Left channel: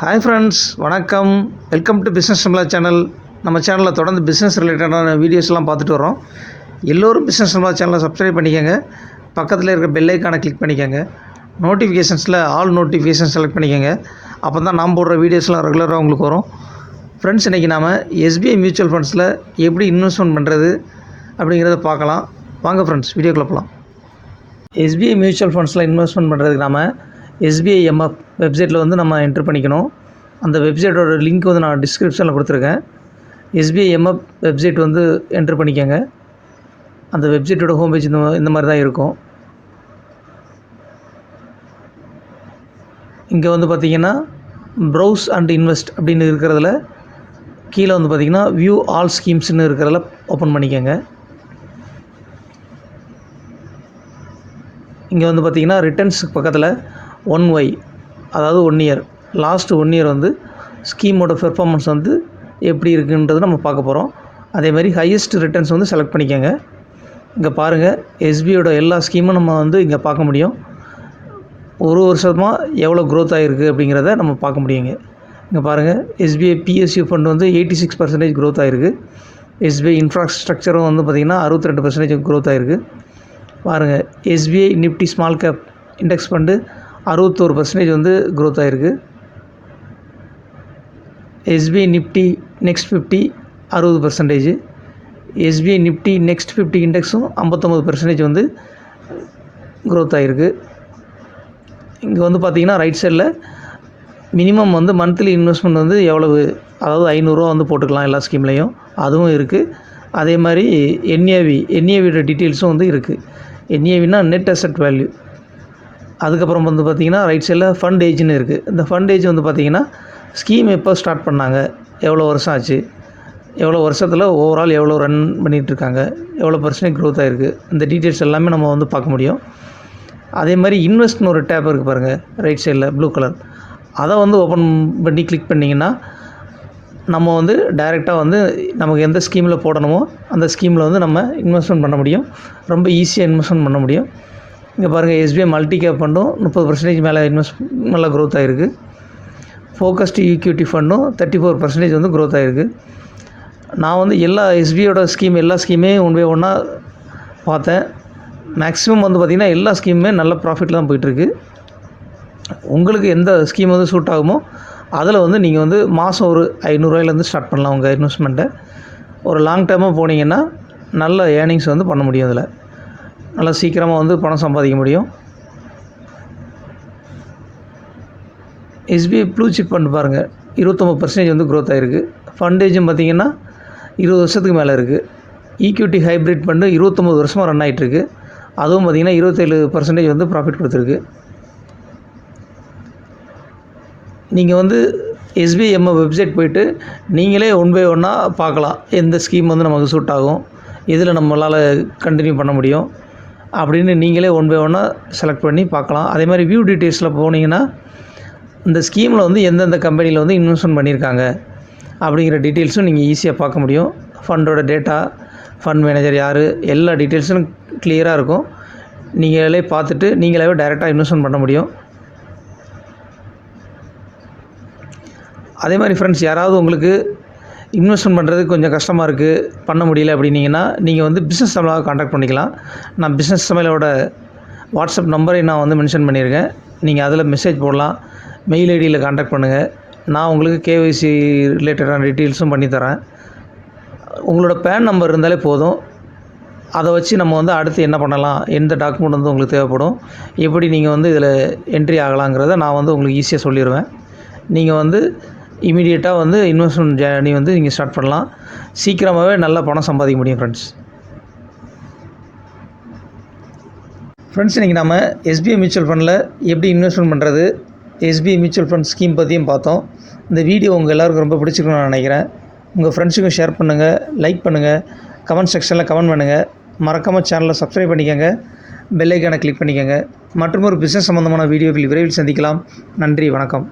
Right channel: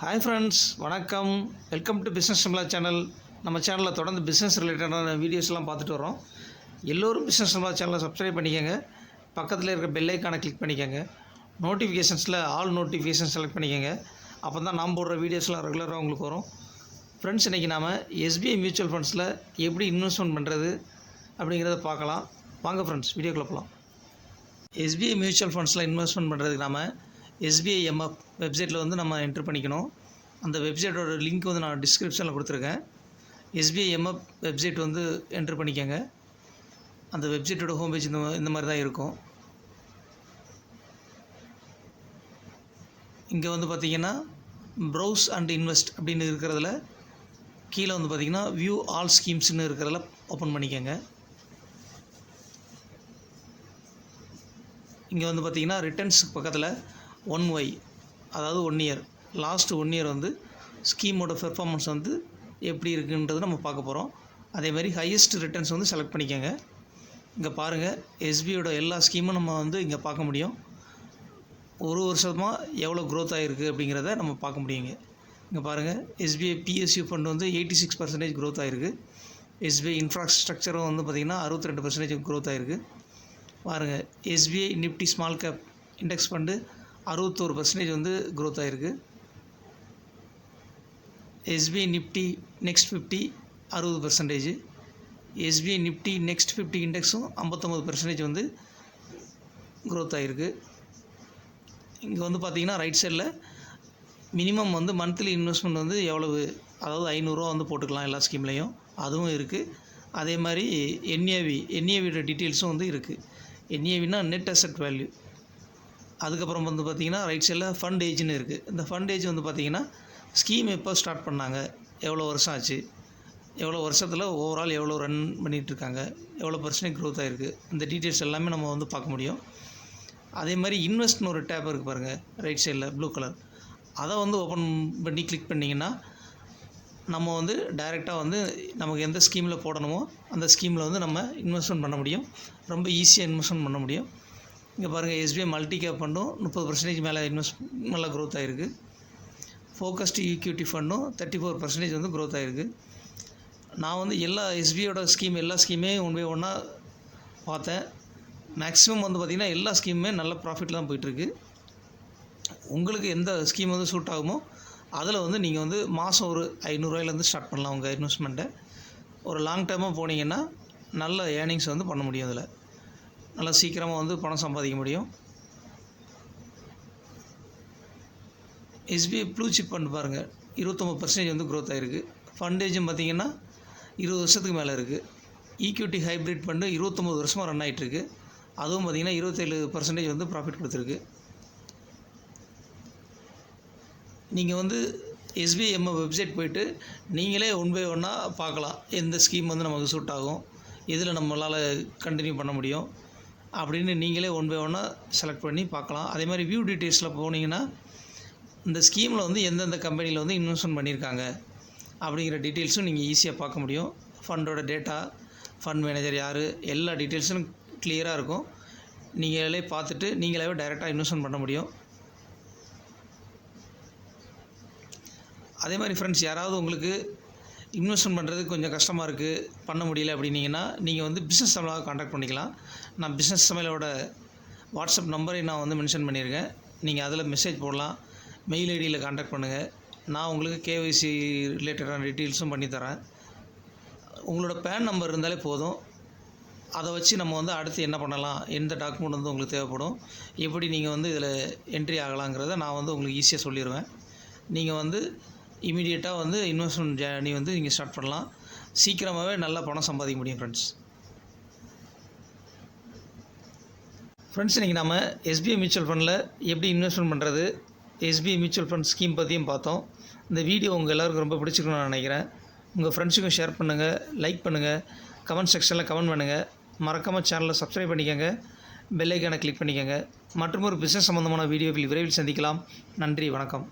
Hi friends, வணக்கம். Welcome to business Sambhala channel. நம்ம சேனலில் தொடர்ந்து பிஸ்னஸ் ரிலேட்டடான வீடியோஸ்லாம் பார்த்துட்டு வரோம். எல்லோரும் பிஸ்னஸ் சம்பளா சேனலை சப்ஸ்கிரைப் பண்ணிக்கோங்க. பக்கத்தில் இருக்க பெல் ஐக்கானை கிளிக் பண்ணிக்கோங்க. நோட்டிஃபிகேஷன்ஸில் ஆல் நோட்டிஃபிகேஷன் செலக்ட் பண்ணிக்கோங்க. அப்போ தான் நாம் போடுற வீடியோஸ்லாம் ரெகுலராக உங்களுக்கு வரும். ஃப்ரெண்ட்ஸ், இன்றைக்கி நாம் எஸ்பிஐ மியூச்சுவல் ஃபண்ட்ஸில் எப்படி இன்வெஸ்ட்மெண்ட் பண்ணுறது அப்படிங்கிறத பார்க்கலாம். வாங்க ஃப்ரெண்ட்ஸ், வீடியோக்குள்ள போகலாம். எஸ்பிஐ மியூச்சுவல் ஃபண்ட்ஸில் இன்வெஸ்ட்மெண்ட் பண்ணுறதுக்கு நாம் எஸ்பிஐ எம்எஃப் வெப்சைட்டில் வந்து நம்ம என்ட்ரு பண்ணிக்கணும். அந்த வெப்சைட்டோட லிங்க் வந்து நான் டிஸ்கிரிப்ஷனில் கொடுத்துருக்கேன். எஸ்பிஐ எம்எஃப் வெப்சைட் வந்து என்ட்ரு பண்ணிக்கோங்க. அந்த வெப்சைட்டோட ஹோம் பேஜ் இந்த மாதிரி தான் இருக்கும். இங்கே வந்து பார்த்திங்கன்னா ப்ரௌஸ் அண்ட் இன்வெஸ்ட் அப்படின்னு இருக்கிறதுல கீழே வந்து பார்த்திங்கன்னா வியூ ஆல் ஸ்கீம்ஸ்னு இருக்கிறதில் ஓப்பன் பண்ணிக்கோங்க. இங்கே வந்து பார்த்திங்கன்னா ரிட்டர்ன்ஸுக்கு பக்கத்தில் 1Y, அதாவது 1 இயர், லாஸ்ட்டு 1 இயர் வந்து ஸ்கீமோட பெர்ஃபார்மன்ஸ் வந்து எப்படி இருக்குன்றது நம்ம பார்க்க போகிறோம். அதேமாதிரி ஹையஸ்ட் ரிட்டர்ன்ஸ் வந்து செலக்ட் பண்ணிக்கோங்க. இங்கே பாருங்கள், எஸ்பிஐயோட எல்லா ஸ்கீமும் நம்ம வந்து இங்கே பார்க்க முடியும். ஒரு வருஷமாக எவ்வளோ க்ரோத் ஆகிருக்கு அப்படிங்கிறத நம்ம பார்க்க முடியுங்க. இங்கே பாருங்கள், எஸ்பிஐ பிஎஸ்யூ ஃபண்ட் வந்து 86% க்ரோத் ஆகிருக்கு. எஸ்பிஐ இன்ஃப்ராஸ்ட்ரக்சரும் வந்து பார்த்திங்கன்னா 62% க்ரோத் ஆகிருக்கு. பாருங்கள், SBI Nifty small cap index fund 61% வந்து க்ரோத் ஆகிருக்கு. SBI Nifty next 50 60%. SBI Nifty next 50 இண்டெக்ஸும் 59% வந்து க்ரோத் ஆகிருக்கு. இங்கே வந்து பார்த்திங்கன்னா ரைட் சைடில் மினிமம் வந்து மந்த்லி இன்வெஸ்ட்மெண்ட் வந்து எவ்வளவு, அதாவது 500 ரூபா வந்து போட்டுக்கலாம் எல்லா ஸ்கீம்லேயும், அதுவும் இருக்குது. அதே மாதிரி என்ஏவியோட டீட்டெயில்ஸும் வந்து இருக்குது. என்ஏவினா நெட் அசெட் வேல்யூ. அதுக்கப்புறம் வந்து பார்த்திங்கன்னா ரைட் சைடில் ஃபண்ட் ஏஜ்னு இருக்குது. இந்த ஃபண்ட் ஏஜ் வந்து பார்த்திங்கன்னா ஸ்கீம் எப்போ ஸ்டார்ட் பண்ணாங்க, எவ்வளோ வருஷம் ஆச்சு, எவ்வளோ வருஷத்தில் ஓவரால் எவ்வளோ ரன் பண்ணிகிட்ருக்காங்க, எவ்வளோ % க்ரோத் ஆகிருக்கு, இந்த டீட்டெயில்ஸ் எல்லாமே நம்ம வந்து பார்க்க முடியும். அதே மாதிரி இன்வெஸ்ட்னு ஒரு டேப் இருக்குது பாருங்கள், ரைட் சைடில் ப்ளூ கலர். அதை வந்து ஓப்பன் பண்ணி கிளிக் பண்ணிங்கன்னா நம்ம வந்து டைரெக்டாக வந்து நமக்கு எந்த ஸ்கீமில் போடணுமோ அந்த ஸ்கீமில் வந்து நம்ம இன்வெஸ்ட்மெண்ட் பண்ண முடியும். ரொம்ப ஈஸியாக இன்வெஸ்ட்மெண்ட் பண்ண முடியும். இங்கே பாருங்கள், எஸ்பிஐ மல்டி கேப் ஃபண்டும் 30% மேலே நல்லா க்ரோத் ஆகிருக்கு. ஃபோக்கஸ்டு ஈக்விட்டி ஃபண்டும் 34% வந்து க்ரோத் ஆகிருக்கு. நான் வந்து எல்லா எஸ்பிஐயோட எல்லா ஸ்கீமே ஒன் பை ஒன்னாக பார்த்தேன். மேக்ஸிமம் வந்து பார்த்திங்கன்னா எல்லா ஸ்கீமுமே நல்ல ப்ராஃபிட்டில் தான் போயிட்டுருக்கு. உங்களுக்கு எந்த ஸ்கீம் வந்து சூட் ஆகுமோ அதில் வந்து நீங்கள் வந்து மாதம் ஒரு 500 ரூபாயிலேருந்து ஸ்டார்ட் பண்ணலாம் உங்கள் இன்வெஸ்ட்மெண்ட்டை. ஒரு லாங் டேர்மாக போனீங்கன்னா நல்ல ஏர்னிங்ஸ் வந்து பண்ண முடியும். அதில் நல்லா சீக்கிரமாக வந்து பணம் சம்பாதிக்க முடியும். எஸ்பிஐ ப்ளூ சிப் ஃபண்ட் பாருங்கள், 29% வந்து க்ரோத் ஆகிருக்கு. ஃபண்டேஜும் பார்த்திங்கன்னா 20 வருஷத்துக்கு மேலே இருக்குது. ஈக்விட்டி ஹைப்ரிட் ஃபண்டு 29 வருஷமாக ரன் ஆகிட்டுருக்கு. அதுவும் பார்த்திங்கன்னா 27% வந்து ப்ராஃபிட் கொடுத்துருக்கு. நீங்கள் வந்து எஸ்பிஐ எம்எஃப் வெப்சைட் போய்ட்டு நீங்களே ஒன் பை ஒன்னாக பார்க்கலாம், எந்த ஸ்கீம் வந்து நமக்கு சூட் ஆகும், இதில் நம்மளால் கண்டினியூ பண்ண முடியும் அப்படின்னு நீங்களே ஒன் பை ஒன்னாக செலக்ட் பண்ணி பார்க்கலாம். அதே மாதிரி வியூ டீட்டெயில்ஸில் போனீங்கன்னா இந்த ஸ்கீமில் வந்து எந்தெந்த கம்பெனியில் வந்து இன்வெஸ்ட்மெண்ட் பண்ணியிருக்காங்க அப்படிங்கிற டீட்டெயில்ஸும் நீங்கள் ஈஸியாக பார்க்க முடியும். ஃபண்டோட டேட்டா, ஃபண்ட் மேனேஜர் யார், எல்லா டீட்டெயில்ஸும் கிளியராக இருக்கும். நீங்களே பார்த்துட்டு நீங்களாவே டைரெக்டாக இன்வெஸ்ட்மெண்ட் பண்ண முடியும். அதே மாதிரி ஃப்ரெண்ட்ஸ், யாராவது உங்களுக்கு இன்வெஸ்ட்மெண்ட் பண்ணுறது கொஞ்சம் கஷ்டமாக இருக்குது, பண்ண முடியல அப்படின்னீங்கன்னா நீங்கள் வந்து பிஸ்னஸ் சம்பளாக காண்டாக்ட் பண்ணிக்கலாம். நான் பிஸ்னஸ் சமையலோட வாட்ஸ்அப் நம்பரை நான் வந்து மென்ஷன் பண்ணியிருக்கேன். நீங்கள் அதில் மெசேஜ் போடலாம், மெயில் ஐடியில் காண்டாக்ட் பண்ணுங்கள். நான் உங்களுக்கு கேஒய்சி ரிலேட்டடான டீட்டெயில்ஸும் பண்ணித்தரேன். உங்களோட பேன் நம்பர் இருந்தாலே போதும். அதை வச்சு நம்ம வந்து அடுத்து என்ன பண்ணலாம், எந்த டாக்குமெண்ட் வந்து உங்களுக்கு தேவைப்படும், எப்படி நீங்கள் வந்து இதில் என்ட்ரி ஆகலாங்கிறத நான் வந்து உங்களுக்கு ஈஸியாக சொல்லிடுவேன். நீங்கள் வந்து இமீடியட்டாக வந்து இன்வெஸ்ட்மெண்ட் ஜேர்னி வந்து நீங்கள் ஸ்டார்ட் பண்ணலாம். சீக்கிரமாகவே நல்லா பணம் சம்பாதிக்க முடியும் ஃப்ரெண்ட்ஸ். இன்றைக்கி நம்ம எஸ்பிஐ மியூச்சுவல் ஃபண்டில் எப்படி இன்வெஸ்ட்மெண்ட் பண்ணுறது, எஸ்பிஐ மியூச்சுவல் ஃபண்ட் ஸ்கீம் பற்றியும் பார்த்தோம். இந்த வீடியோ உங்கள் எல்லாருக்கும் ரொம்ப பிடிச்சிருக்குன்னு நான் நினைக்கிறேன். உங்கள் ஃப்ரெண்ட்ஸுக்கும் ஷேர் பண்ணுங்கள், லைக் பண்ணுங்கள், கமெண்ட் செக்ஷனில் கமெண்ட் பண்ணுங்கள். மறக்காமல் சேனலை சப்ஸ்கிரைப் பண்ணிக்கோங்க, பெல் ஐக்கானை கிளிக் பண்ணிக்கோங்க. மற்றும் ஒரு பிஸ்னஸ் சம்மந்தமான வீடியோவில் விரைவில் சந்திக்கலாம். நன்றி, வணக்கம்.